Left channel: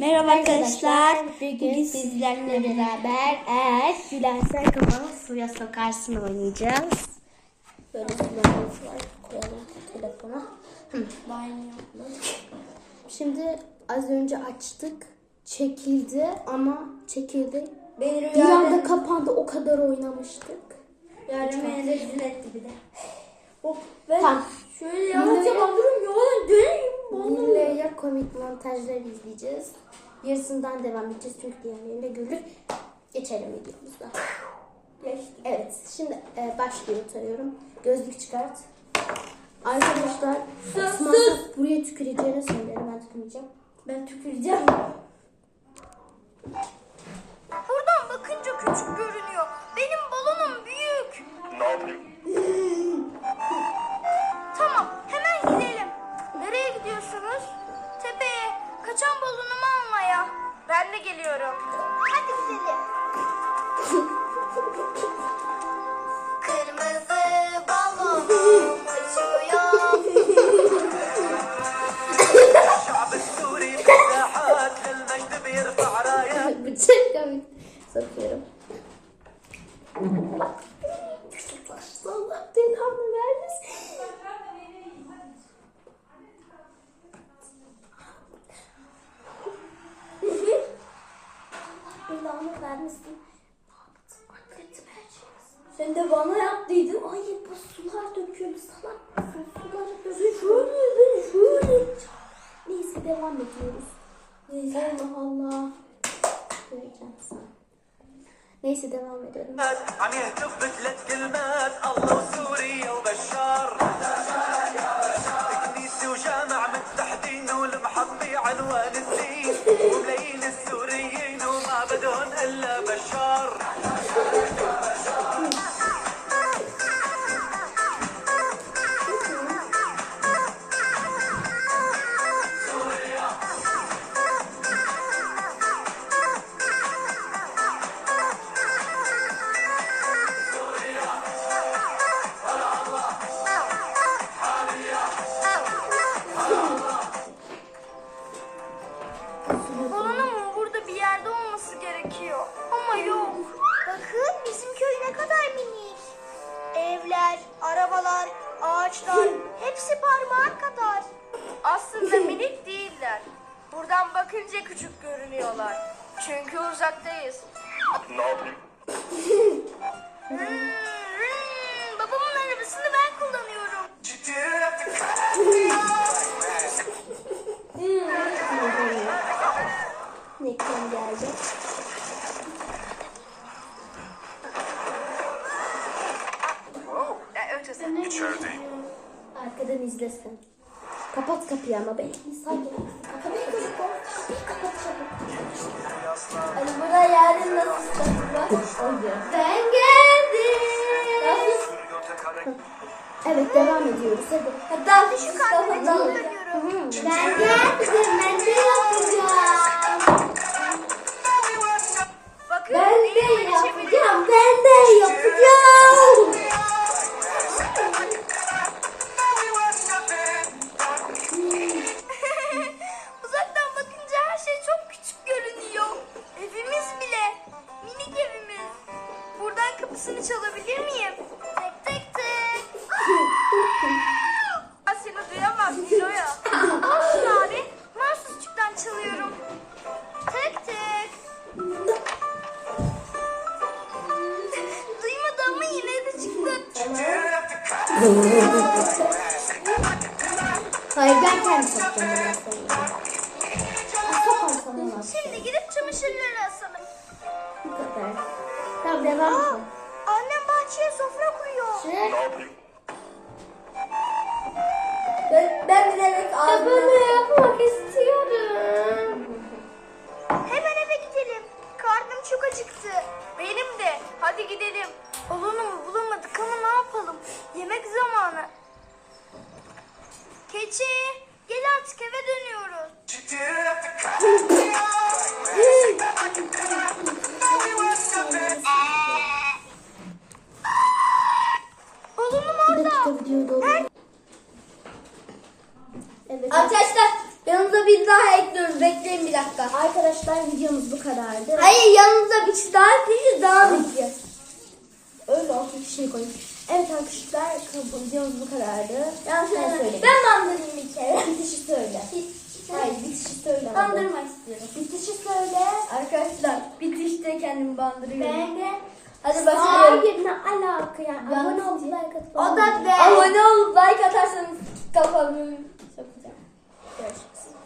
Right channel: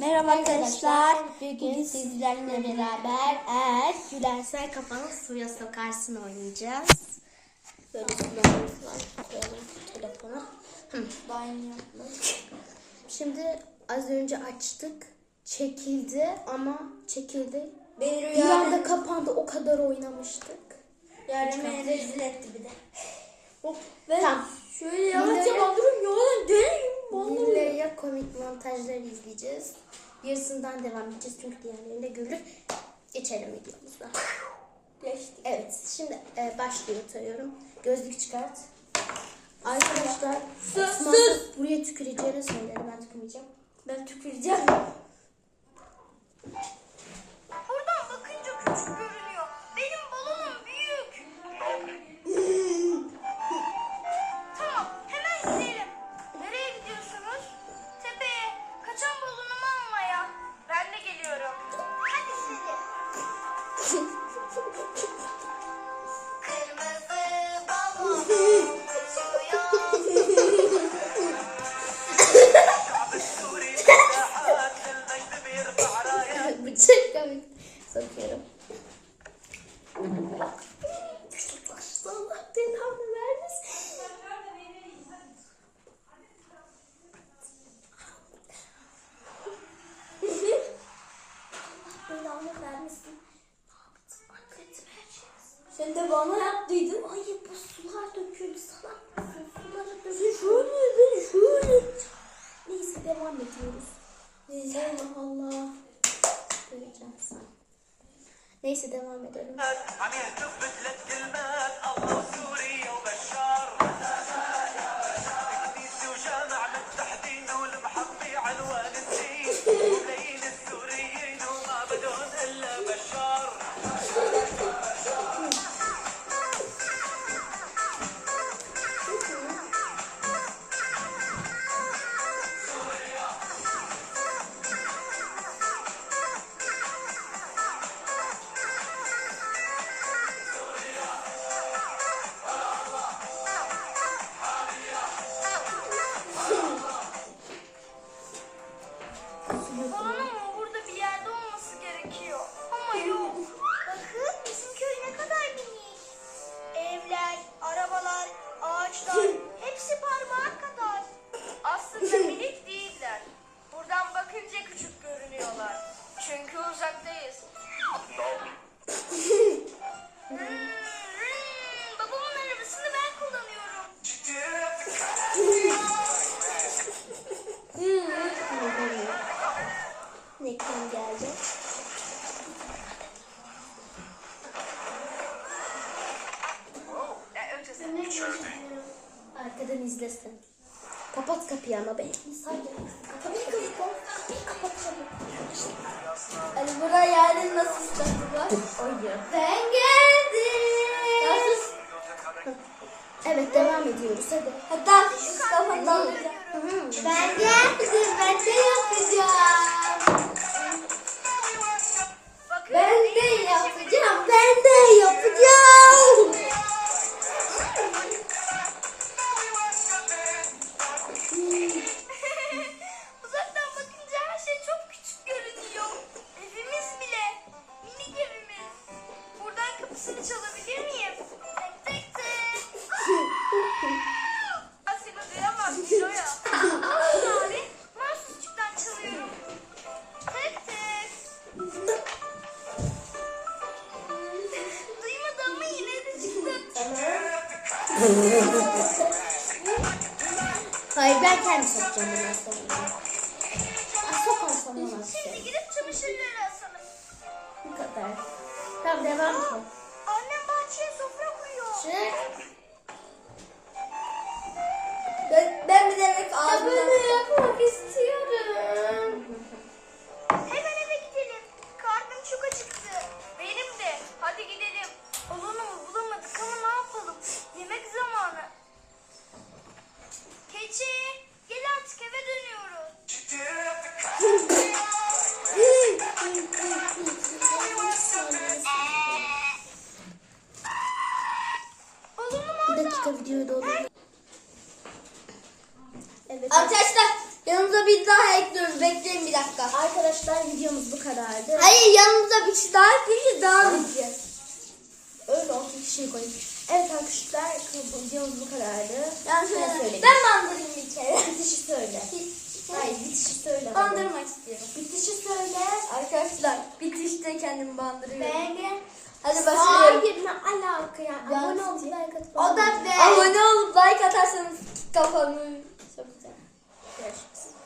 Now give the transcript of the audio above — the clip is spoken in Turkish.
Merhaba arkadaşlar. Bugün sizlerle beraber eğer gülersen kafana suya sokarsın oynayacağız. Böyle kullanımız var. Koyalım telefona. Şimdi az önce açtık. Çekildi ama çekildi. Beni Bir anda kapandı. O kadar oynamıştık. Yarın rezil etti bir de. Oh, ben Tamam. şöyle yavaşça Bunları- bandırıyorum. Yalan döneyim. Bununla komik montajlar izleyeceğiz. Yarısından devam edeceğiz çünkü diğerlerini de görür. Geçelim videomuza. Geçti. Evet, şimdi e, başlıyor sayıyorum. Gözlük çıkart. Arkadaşlar, Sus, sus. buraya tüküreceğini söyledi. Ben tükürmeyeceğim. Ben tüküreceğim. Geliyorum. Hadi gidelim. Belanı vermesin. Ne her şeyi. Sen de bana yaptıydın. Ay bu sular döküldü salak mısın? Suları Sen döküldü. şöyle şöyle. Neyse devam ediyoruz. Neyse. Allah Allah. Göreceğim sana. Neyse devam edelim. Çünkü uzaktayız. Hmm, hmm, babamın arabasını ben kullanıyorum. Nekten geldi. Arkadan izlesin. Kapat kapıyı ama ben gereksin. Kapıyı kapat. Kapıyı kapat nasıl var? Oydu. Ben geldim. Nasıl? Evet devam ediyoruz hadi. Hatta Mustafa da Ben geldim. Ben de yapacağım. Hayır ben kendi sokacağım biraz sonra. Ya sokan sana nasıl? Şimdi gidip çamaşırları asalım. Bu kadar. Tamam devam et. Annem bahçeye sofra kuruyor. Çık. Ben, ben bilerek ağzımı Evet. Arkadaşlar yanımıza bir daha ekliyoruz. Bekleyin bir dakika. Arkadaşlar videomuz bu kadardı. Hayır yanımıza bir şey daha ekleyince devam edeceğiz. Öyle olsun şey koyayım. Evet arkadaşlar videomuz bu kadardı. Yani Sen şöyle, söyle. ben bandırayım bir kere. Bitişi söyle. Hayır bitişi söyle. Bandırmak istiyorum. Bitişi söyle. Arkadaşlar bitişte kendimi bandırıyorum. Beğeni. Hadi başlayalım. Hayır ne alaka. Yalnız Abone olup like atıp O da be. Abone olup like atarsanız kafamı sokacağım. Görüşürüz.